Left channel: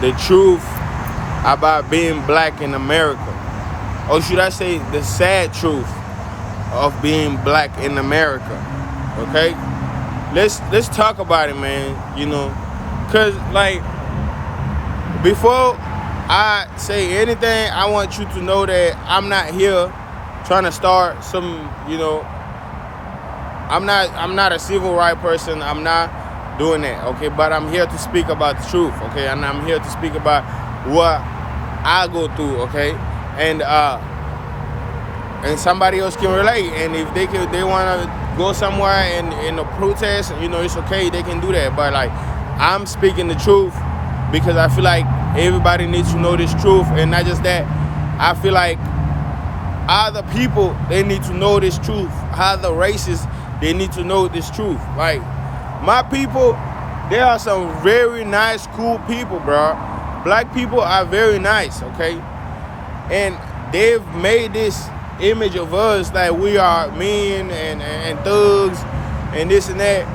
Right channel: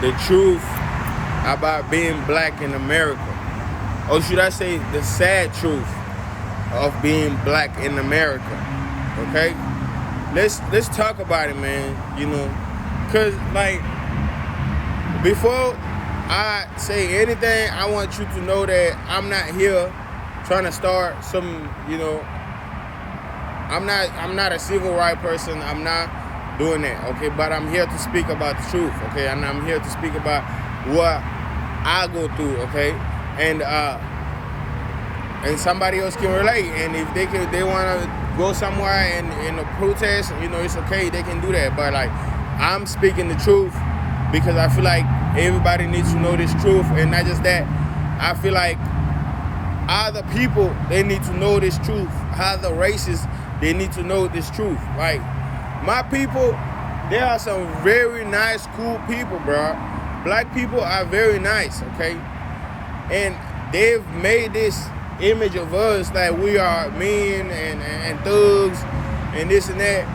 the truth about being black in America. Or should I say the sad truth of being black in America. Okay? Let's talk about it, man. Cause like before I say anything, I want you to know that I'm not here trying to start some, I'm not a civil rights person. I'm not doing that, okay? But I'm here to speak about the truth, okay? And I'm here to speak about what I go through, okay? And somebody else can relate. And if they want to go somewhere in a protest, it's okay. They can do that. But like, I'm speaking the truth because I feel like everybody needs to know this truth. And not just that, I feel like other people, they need to know this truth. Other races, they need to know this truth. Like, my people, they are some very nice, cool people, bro. Black people are very nice, okay? And they've made this image of us like we are men and thugs and this and that.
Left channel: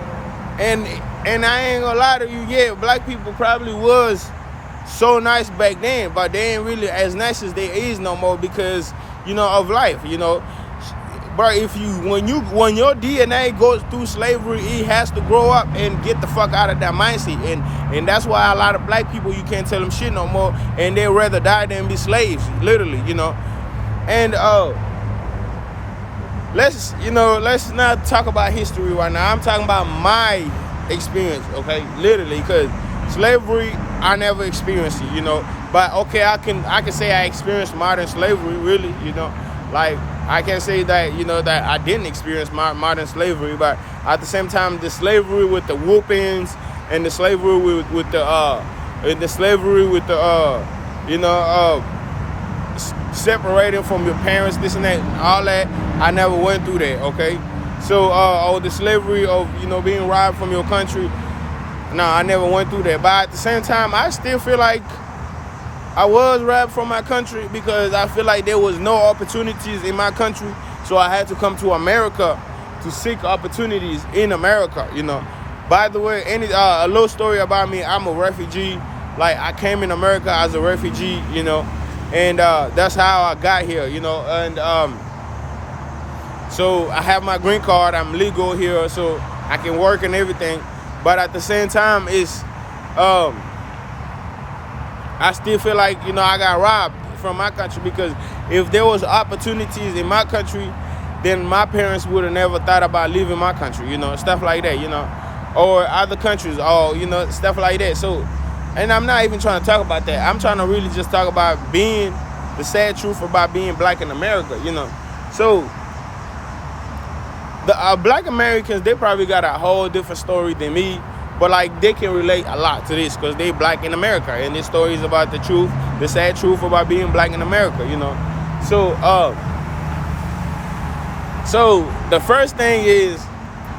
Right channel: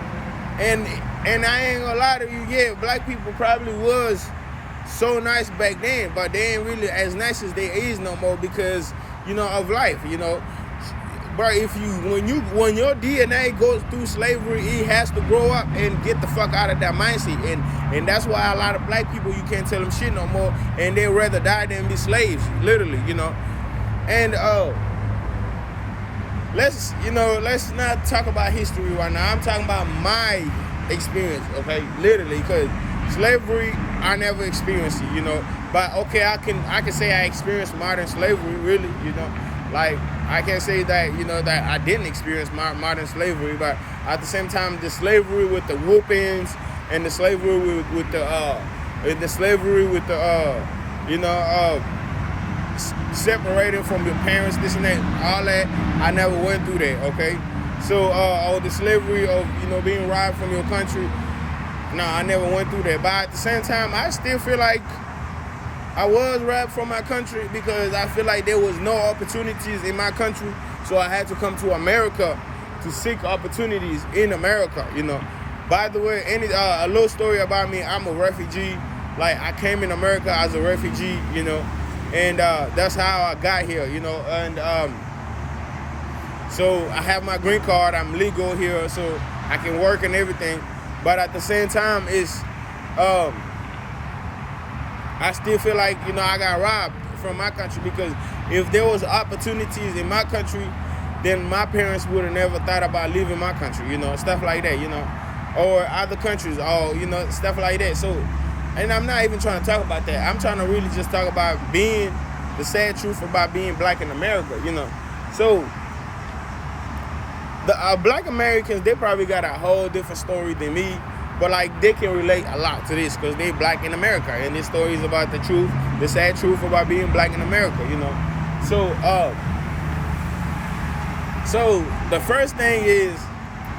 And I ain't gonna lie to you, yeah, black people probably was so nice back then, but they ain't really as nice as they is no more because, of life, But when your DNA goes through slavery, it has to grow up and get the fuck out of that mindset. And that's why a lot of black people, you can't tell them shit no more, and they'd rather die than be slaves, literally, And let's not talk about history right now. I'm talking about my experience, okay? Literally, because slavery, I never experienced it, But okay, I can say I experienced modern slavery, really, Like, I can't say that, that I didn't experience modern slavery, but at the same time, the slavery with the whoopings and the slavery with the separating from your parents, this and that, all that, I never went through that, okay? So, or the slavery of, being robbed from your country, no, I never went through that. But at the same time, I still feel like I was robbed from my country because I feel like there was no opportunities in my country. So I had to come to America to seek opportunities in America, By the way, a little story about me, I'm a refugee. Like, I came in America as a refugee, and that's how I got here, And so I have my green card. I'm legal here, so I can work and everything. But at the same time, it's I still feel like, I got robbed from my country because if there was opportunities in my country, then my parents would have never thought about leaving my country, stuff like that, or other countries, or, stuff like that. So, and I'm not even trying to talk about that. I'm trying to really just talk about being the sad truth about being black in America, So, the black Americans, they probably got a whole different story than me. But like, they can relate a lot to this because they black in America, and this story is about the truth, the sad truth about being black in America, So the first thing is,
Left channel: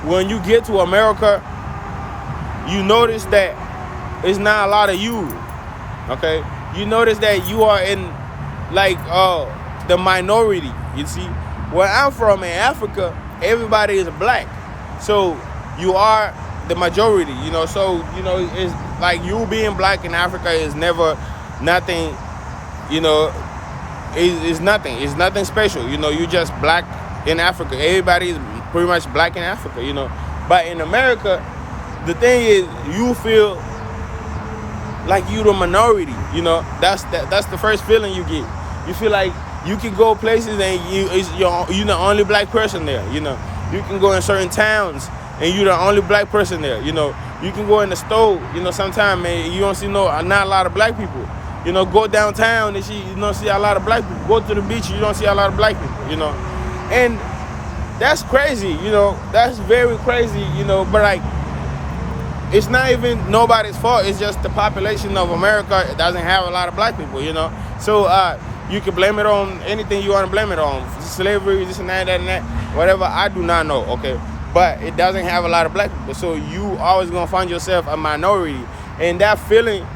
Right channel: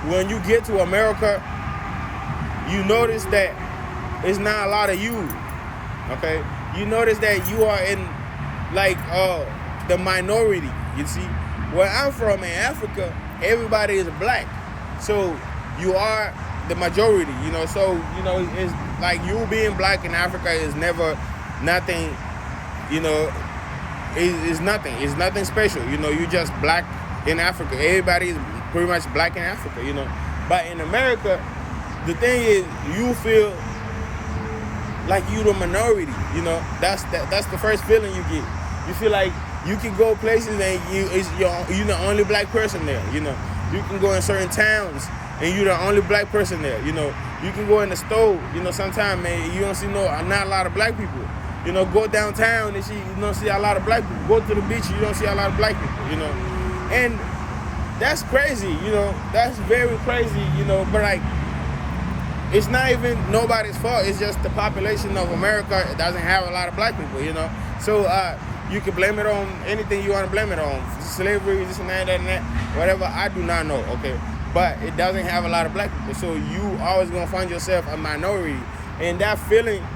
when you get to America, you notice that it's not a lot of you, okay? You notice that you are in like the minority. You see, where I'm from in Africa, everybody is black, so you are the majority, So it's like you being black in Africa is never nothing, It's nothing. It's nothing special, You just black in Africa. Everybody is pretty much black in Africa, But in America, the thing is, you feel like you the minority, That's the first feeling you get. You feel like you can go places and you're the only black person there, You can go in certain towns and you're the only black person there, You can go in the store, sometimes, man, you don't see not a lot of black people. Go downtown and you don't see a lot of black people. Go to the beach, you don't see a lot of black people, And that's crazy, That's very crazy, But like, it's not even nobody's fault. It's just the population of America doesn't have a lot of black people, So you can blame it on anything you want to blame it on. Slavery, this and that, whatever. I do not know, okay? But it doesn't have a lot of black people. So you always going to find yourself a minority. And that feeling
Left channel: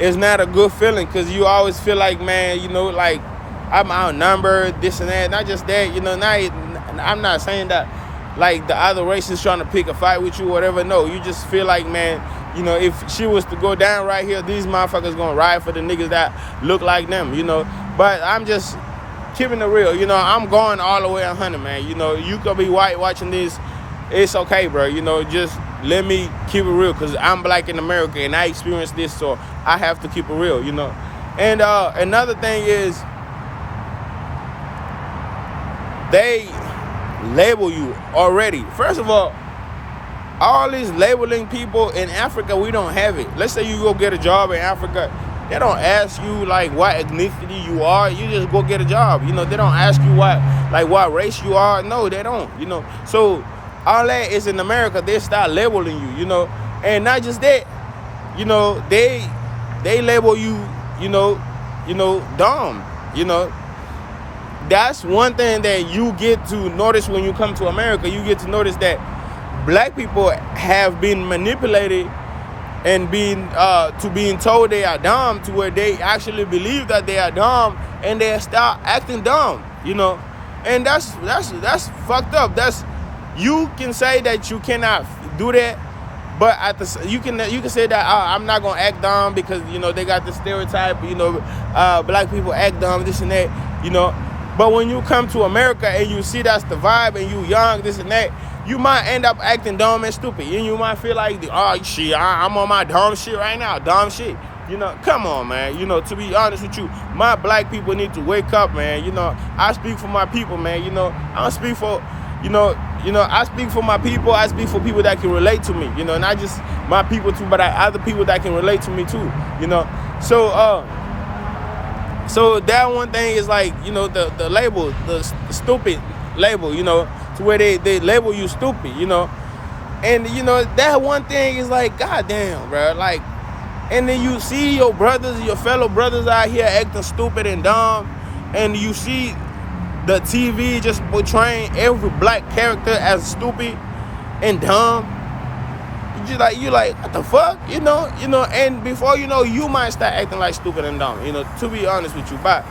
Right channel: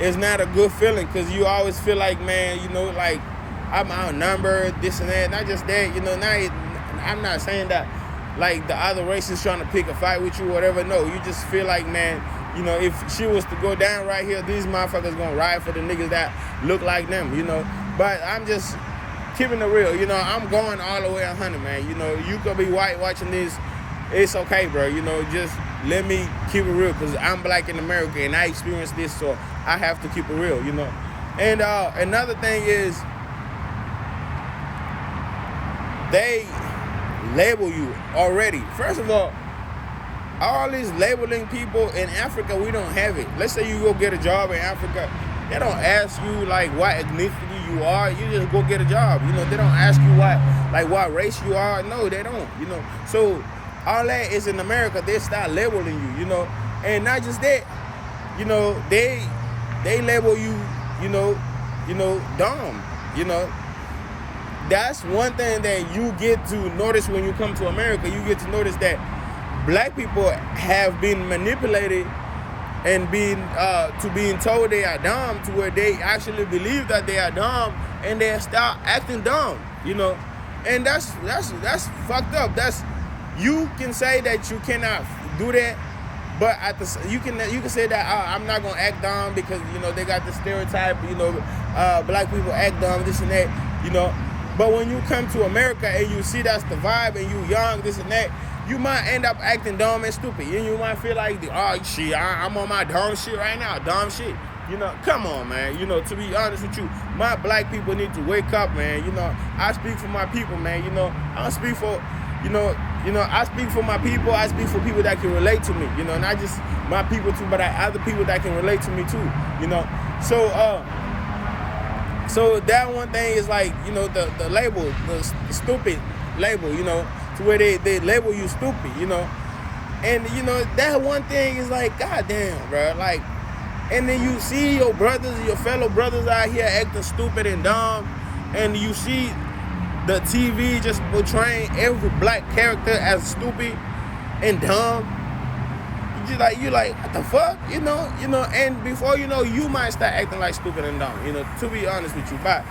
is not a good feeling because you always feel like, man, like I'm outnumbered, this and that. Not just that, I'm not saying that like the other race is trying to pick a fight with you or whatever. No, you just feel like, man, You know, if she was to go down right here, these motherfuckers gonna ride for the niggas that look like them, you know. But I'm just keeping it real, you know. I'm going all the way 100, man. You know, you could be white watching this. It's okay, bro. You know, just let me keep it real, because I'm black in America and I experienced this, so I have to keep it real, you know. And another thing is, they label you already. First of all these labeling people in Africa, we don't have it. Let's say you go get a job in Africa, they don't ask you like what ethnicity you are. You just go get a job. You know, they don't ask you what race you are. No, they don't. You know, so all that is in America. They start labeling you. You know, and not just that. You know, they label you. You know, dumb. You know. That's one thing that you get to notice when you come to America. You get to notice that black people have been manipulated and being told they are dumb, to where they actually believe that they are dumb and they start acting dumb, you know. And that's fucked up. You can say that you cannot do that, but you can say that I'm not gonna act dumb because, you know, they got the stereotype, you know, black people act dumb, this and that, you know. But when you come to America and you see that's the vibe and you young, this and that, you might end up acting dumb and stupid. And you might feel like, oh, shit, I'm on my dumb shit right now, dumb shit. You know, come on, man. You know, to be honest with you, my black people need to wake up, man. You know, I speak for my people, man. You know, I don't speak for, I speak for my people. I speak for people that can relate to me, you know, not just my people too, but other people that can relate to me too, you know. So that one thing is like, you know, the label, the stupid label, you know, to where they label you stupid, you know. And, you know, that one thing is like, goddamn, bro. Like, and then you see your brothers, your fellow brothers out here acting stupid and dumb. And you see the TV just portraying every black character as stupid and dumb. You like, what the fuck, you know, and before you know, you might start acting like stupid and dumb, you know, to be honest with you. But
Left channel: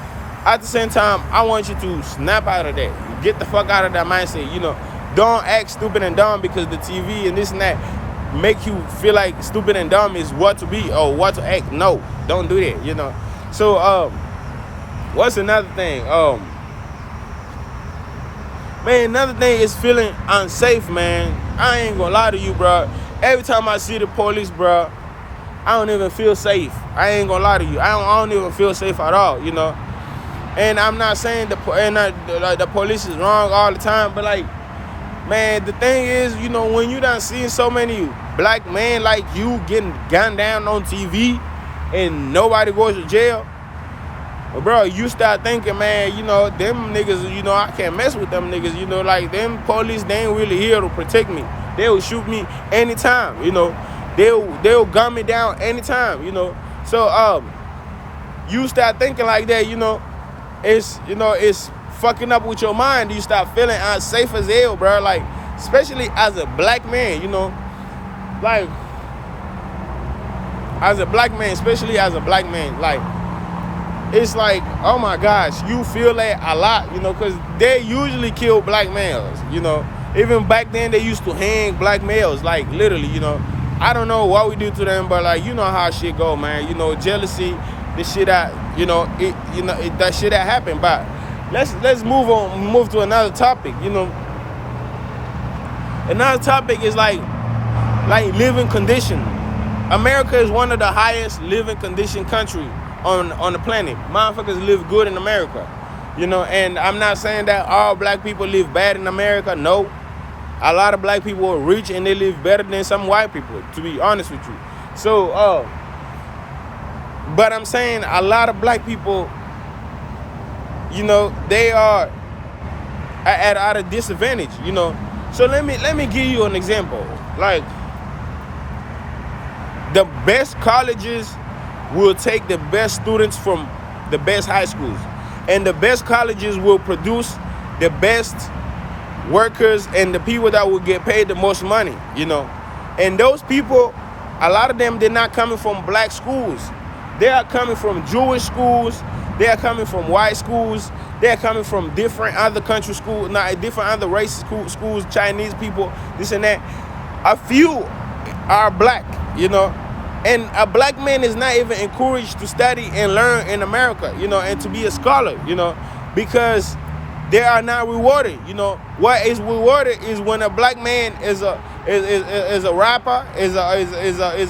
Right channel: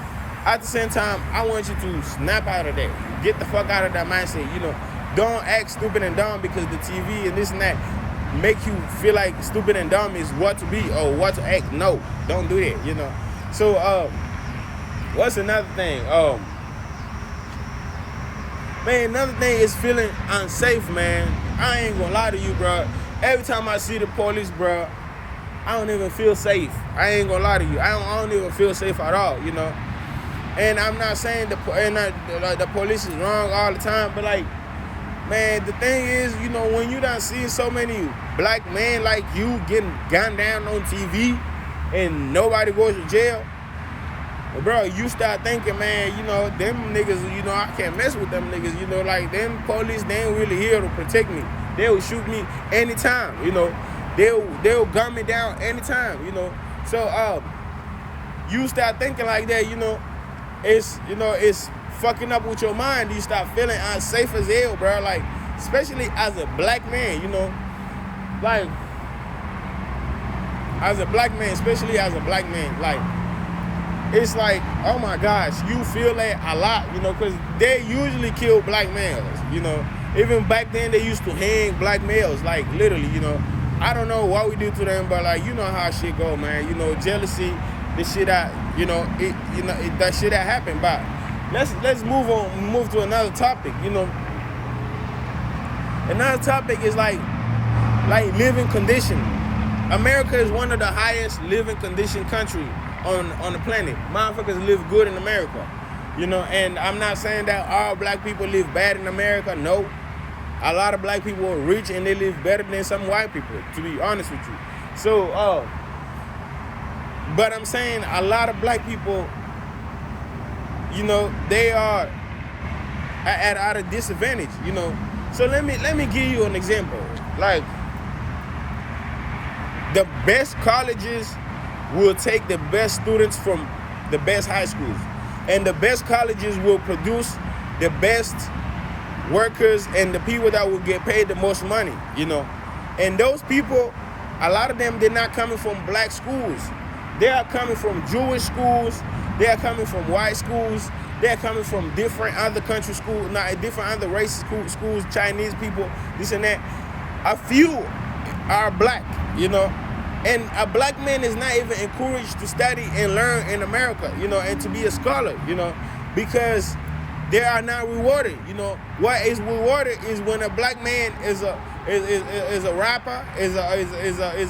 at the same time, I want you to snap out of that. Get the fuck out of that mindset, you know. Don't act stupid and dumb because the TV and this and that make you feel like stupid and dumb is what to be or what to act. No, don't do that, you know. So, what's another thing? Man, another thing is feeling unsafe, man. I ain't gonna lie to you, bro. Every time I see the police, bro, I don't even feel safe. I ain't gonna lie to you. I don't even feel safe at all, you know. And I'm not saying the police is wrong all the time, but like, man, the thing is, you know, when you done seen so many black men like you getting gunned down on TV and nobody goes to jail, well, bro, you start thinking, man, you know, them niggas, you know, I can't mess with them niggas, you know, like them police, they ain't really here to protect me. They will shoot me anytime, you know. They'll gun me down anytime, you know. So you start thinking like that, you know, it's fucking up with your mind. You start feeling unsafe as hell, bro. Like, especially as a black man, you know. Like, as a black man, especially as a black man, like, it's like, oh my gosh, you feel that a lot, you know, because they usually kill black males, you know. Even back then, they used to hang black males, like, literally, you know. I don't know what we do to them, but, like, you know how shit go, man. You know, jealousy, this shit that, that shit that happened. But let's move to another topic, you know. Another topic is, like living condition. America is one of the highest living condition country on the planet. Motherfuckers live good in America, you know. And I'm not saying that all black people live bad in America. No. A lot of black people are rich and they live better than some white people, to be honest with you. So, but I'm saying a lot of black people, you know, they are at a disadvantage, you know. So let me give you an example. Like, the best colleges will take the best students from the best high schools, and the best colleges will produce the best workers and the people that will get paid the most money, you know. And those people, a lot of them, they're not coming from black schools. They are coming from Jewish schools. They are coming from white schools. They are coming from different other country schools, different other race schools, Chinese people, this and that. A few are black, you know. And a black man is not even encouraged to study and learn in America, you know, and to be a scholar, you know, because they are not rewarded. You know, what is rewarded is when a black man is a rapper,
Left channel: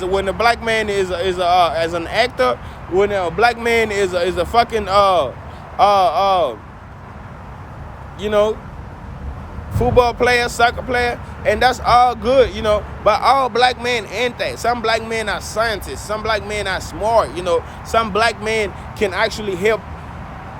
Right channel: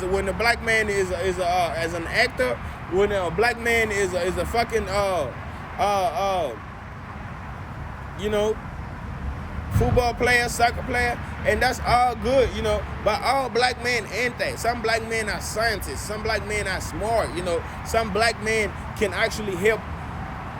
when a black man is as an actor, when a black man is a fucking you know, football player, soccer player, and that's all good, you know. But all black men ain't that. Some black men are scientists. Some black men are smart, you know. Some black men can actually help,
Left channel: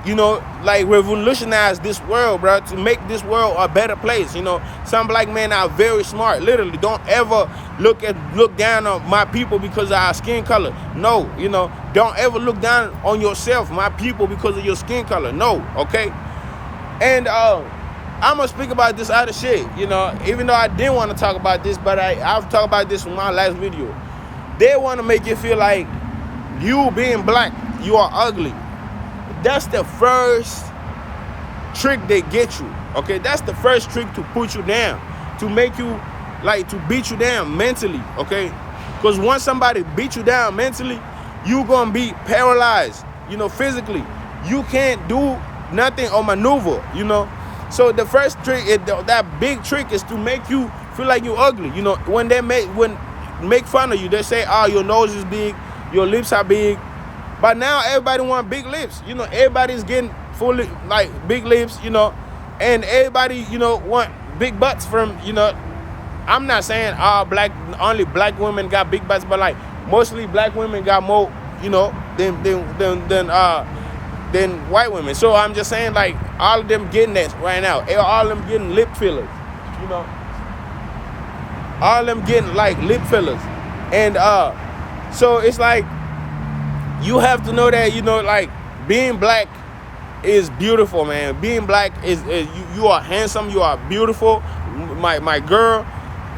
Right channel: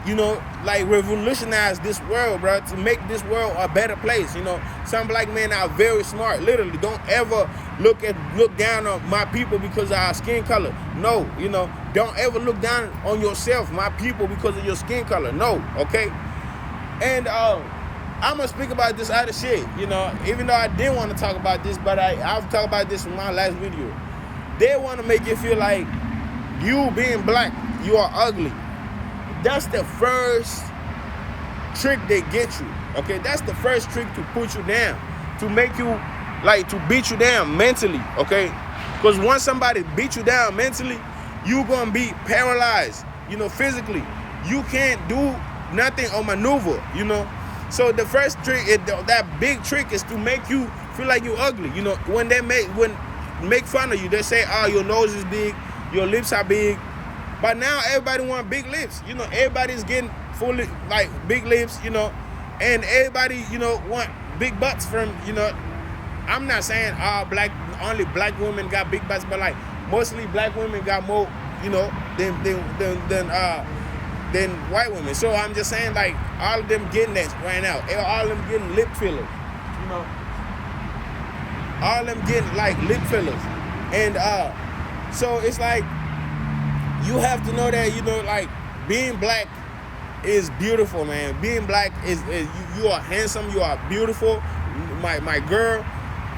you know, like revolutionize this world, bro, to make this world a better place, you know. Some black men are very smart. Literally, don't ever look down on my people because of our skin color. No, you know. Don't ever look down on yourself, my people, because of your skin color. No, okay? And I'm gonna speak about this other shit, you know, even though I didn't want to talk about this, but I'll talk about this in my last video. They want to make you feel like you being black, you are ugly. That's the first trick they get you, okay? That's the first trick to put you down, to make you, like, to beat you down mentally, okay? Because once somebody beat you down mentally, you gonna be paralyzed, you know, physically. You can't do nothing or maneuver, you know? So the first trick, that big trick, is to make you feel like you're ugly. You know, when they make fun of you, they say, oh, your nose is big, your lips are big. But now everybody want big lips. You know, everybody's getting fully, like, big lips, you know. And everybody, you know, want big butts from, you know. I'm not saying only black women got big butts, but, like, mostly black women got more, you know, than white women. So I'm just saying, like, all of them getting that right now. All of them getting lip fillers, you know. All of them getting, like, lip fillers. And so it's like, you have to know that, you know, like, being black is beautiful, man. Being black is you are handsome, you are beautiful. My girl,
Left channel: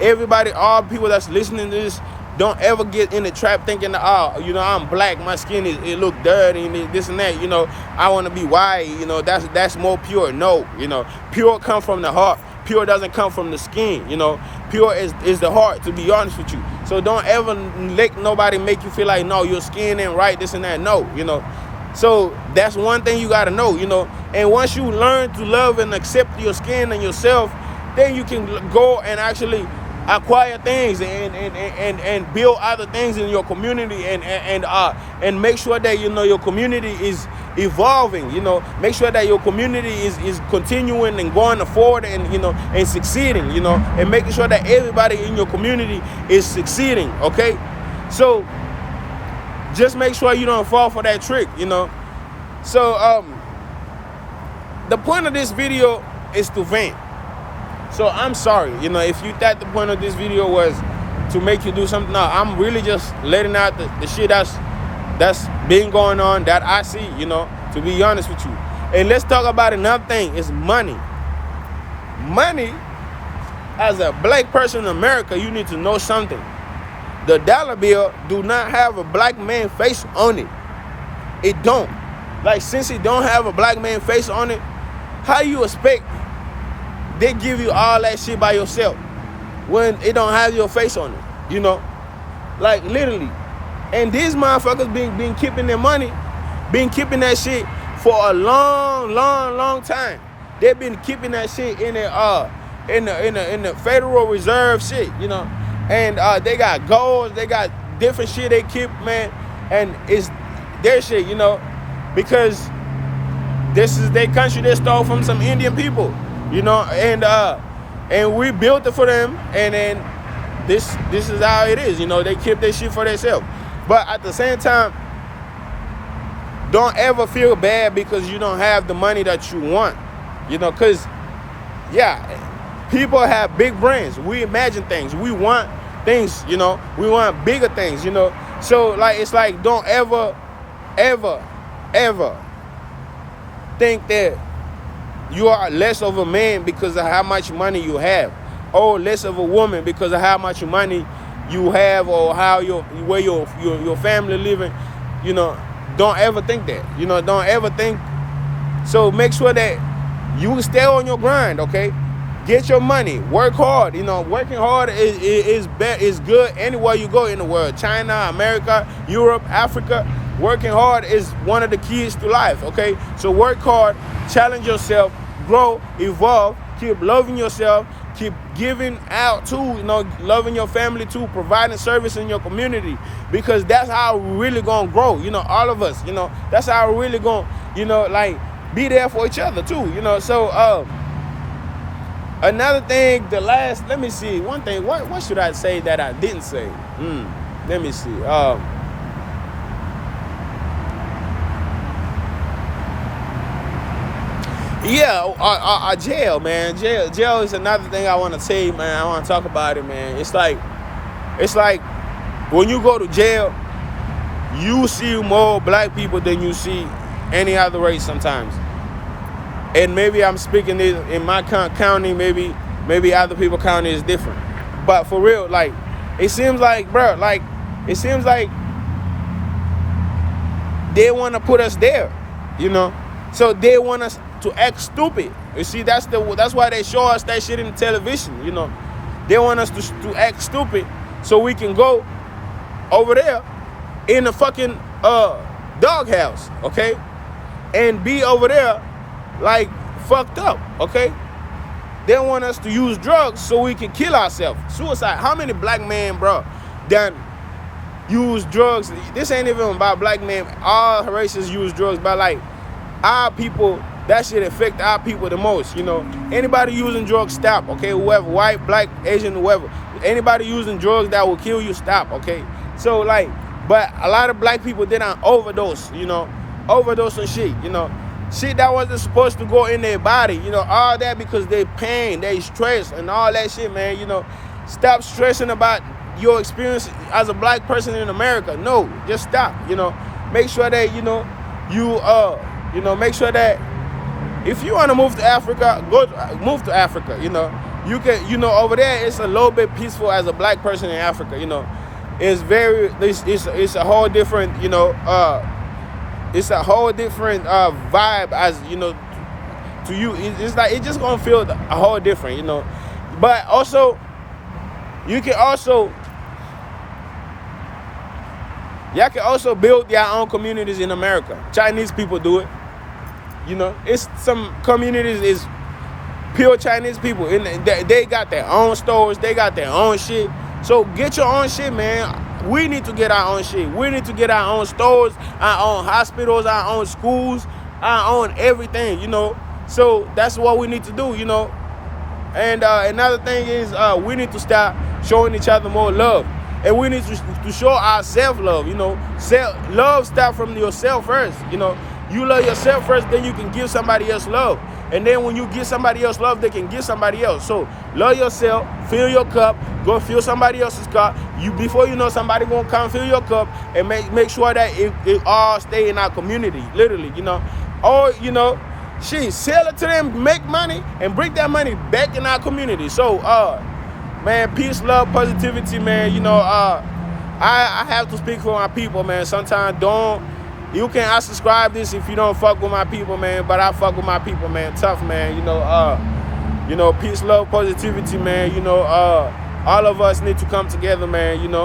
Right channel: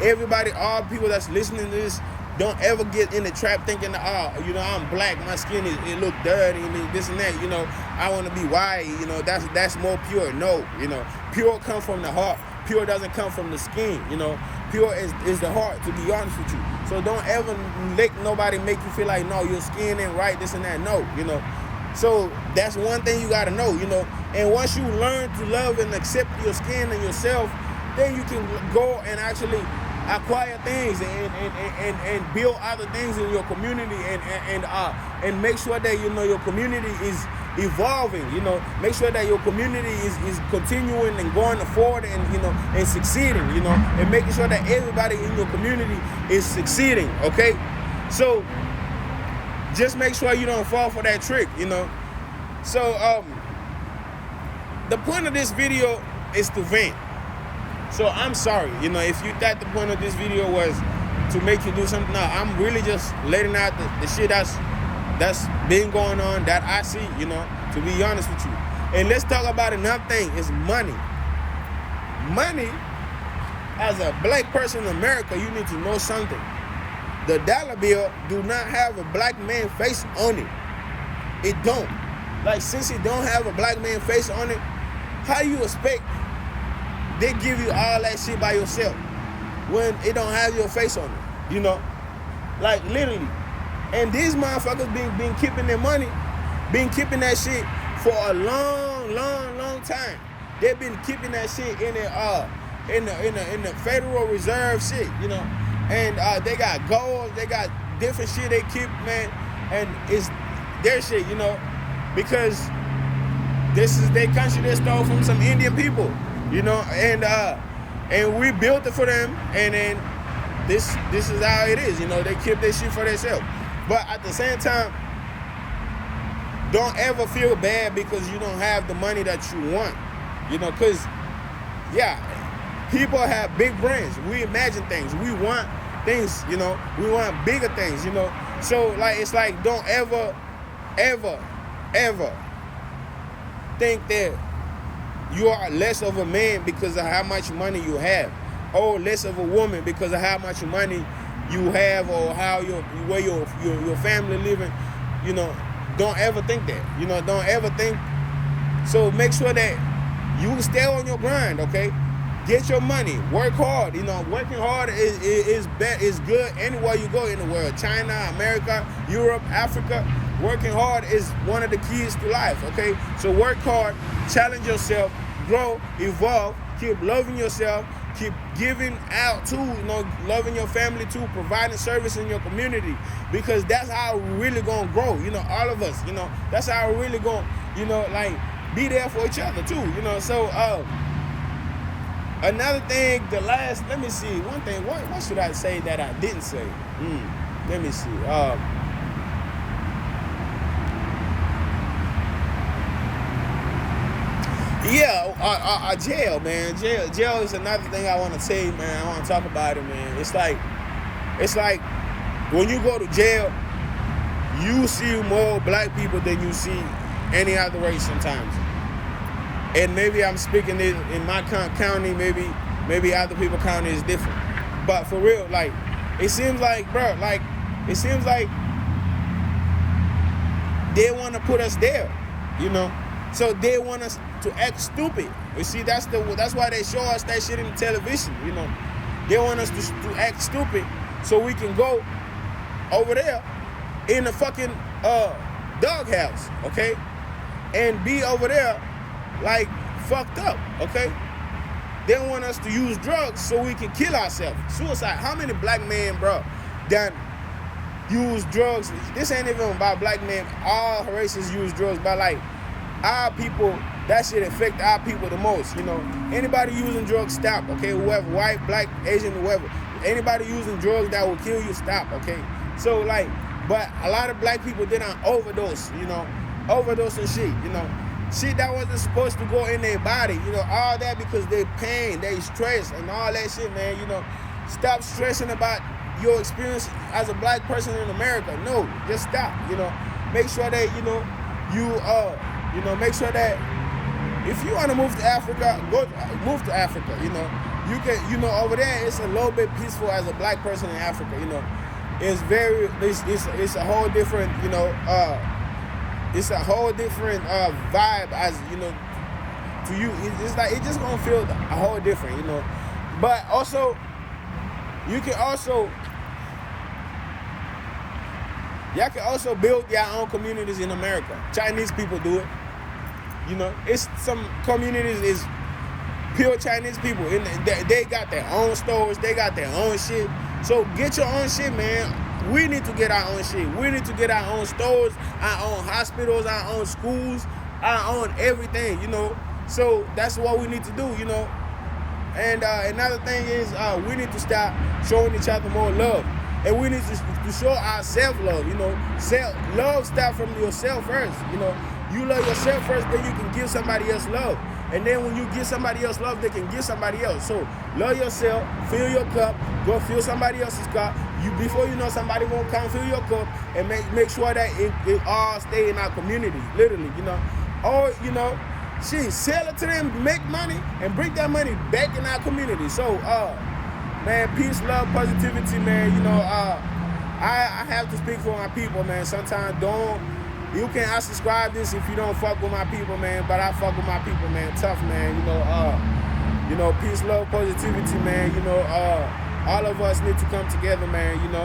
everybody, all people that's listening to this, don't ever get in the trap thinking, oh, you know, I'm black, my skin it look dirty and this and that, you know, I want to be white, you know, that's more pure. No, you know, pure comes from the heart. Pure doesn't come from the skin, you know. Pure is the heart, to be honest with you. So don't ever let nobody make you feel like, no, your skin ain't right, this and that. No, you know. So that's one thing you got to know, you know. And once you learn to love and accept your skin and yourself, then you can go and actually acquire things and build other things in your community and make sure that, you know, your community is evolving, you know. Make sure that your community is continuing and going forward and, you know, and succeeding, you know, and making sure that everybody in your community is succeeding, okay? So just make sure you don't fall for that trick, you know. So the point of this video is to vent. So I'm sorry, you know, if you thought the point of this video was to make you do something. No, I'm really just letting out the shit that's been going on, that I see, you know, to be honest with you. And let's talk about another thing, is money. Money, as a black person in America, you need to know something. The dollar bill do not have a black man face on it. It don't. Like, since it don't have a black man face on it, how you expect they give you all that shit by yourself when it don't have your face on it, you know? Like, literally. And these motherfuckers been keeping their money, been keeping that shit for a long time. They've been keeping that shit in the Federal Reserve shit, you know? And they got gold, they got different shit they keep, man. And it's their shit, you know? Because this is their country they stole from some Indian people. You know, and we built it for them, and then this is how it is. You know, they keep their shit for themselves. But at the same time, don't ever feel bad because you don't have the money that you want. You know, because, yeah, people have big brains. We imagine things. We want things, you know. We want bigger things, you know. So, like, it's like, don't ever think that you are less of a man because of how much money you have, or less of a woman because of how much money you have, or how where your family living. You know, don't ever think that. You know, don't ever think. So make sure that you stay on your grind, okay? Get your money. Work hard. You know, working hard is good anywhere you go in the world. China, America, Europe, Africa. Working hard is one of the keys to life. Okay, so work hard, challenge yourself, grow, evolve, keep loving yourself, keep giving out too. You know, loving your family too, providing service in your community, because that's how we're really gonna grow. You know, all of us. You know, that's how we're really gonna, you know, like be there for each other too. You know, so another thing, let me see, one thing, what should I say that I didn't say? Let me see. Jail, man. Jail is another thing I want to say, man. I want to talk about it, man. It's like when you go to jail, you see more black people than you see any other race sometimes. And maybe I'm speaking in my county, maybe other people's county is different. But for real, like, it seems like, bro, like, it seems like they want to put us there, you know? So they want us to act stupid. You see, that's why they show us that shit in the television, you know? They want us to act stupid so we can go over there in the fucking doghouse, okay? And be over there like fucked up, okay? They want us to use drugs so we can kill ourselves. Suicide. How many black men, bro, done use drugs? This ain't even about black men. All races use drugs, but like our people, that shit affect our people the most, you know? Anybody using drugs, stop, okay? Whoever, white, black, Asian, whoever. Anybody using drugs that will kill you, stop, okay? So like, but a lot of black people did not overdose, you know? Overdose on shit, you know? Shit that wasn't supposed to go in their body, you know, all that because they pain, they stress, and all that shit, man, you know. Stop stressing about your experience as a black person in America. No, just stop, you know. Make sure that, you know, make sure that if you want to move to Africa, move to Africa, you know. You can, you know, over there, it's a little bit peaceful as a black person in Africa, you know. It's a whole different, you know, it's a whole different vibe as, you know, to you. It's like, it's just gonna feel a whole different, you know. But also, y'all can also build your own communities in America. Chinese people do it. You know, it's some communities is pure Chinese people. And they got their own stores. They got their own shit. So get your own shit, man. We need to get our own shit. We need to get our own stores, our own hospitals, our own schools, our own everything, you know. So that's what we need to do, you know. And another thing is we need to start showing each other more love. And we need to show ourselves love, you know. Love starts from yourself first, you know. You love yourself first, then you can give somebody else love. And then when you give somebody else love, they can give somebody else. So love yourself, fill your cup, go fill somebody else's cup. Before you know, somebody gonna come fill your cup and make sure that it all stay in our community, literally, you know. Or, you know, sell it to them, make money, and bring that money back in our community. So, man, peace, love, positivity, man. You know, I have to speak for my people, man. Sometimes you can't unsubscribe this if you don't fuck with my people, man. But I fuck with my people, man. Tough, man. You know, peace, love, positivity, man. You know, all of us need to come together, man. You know.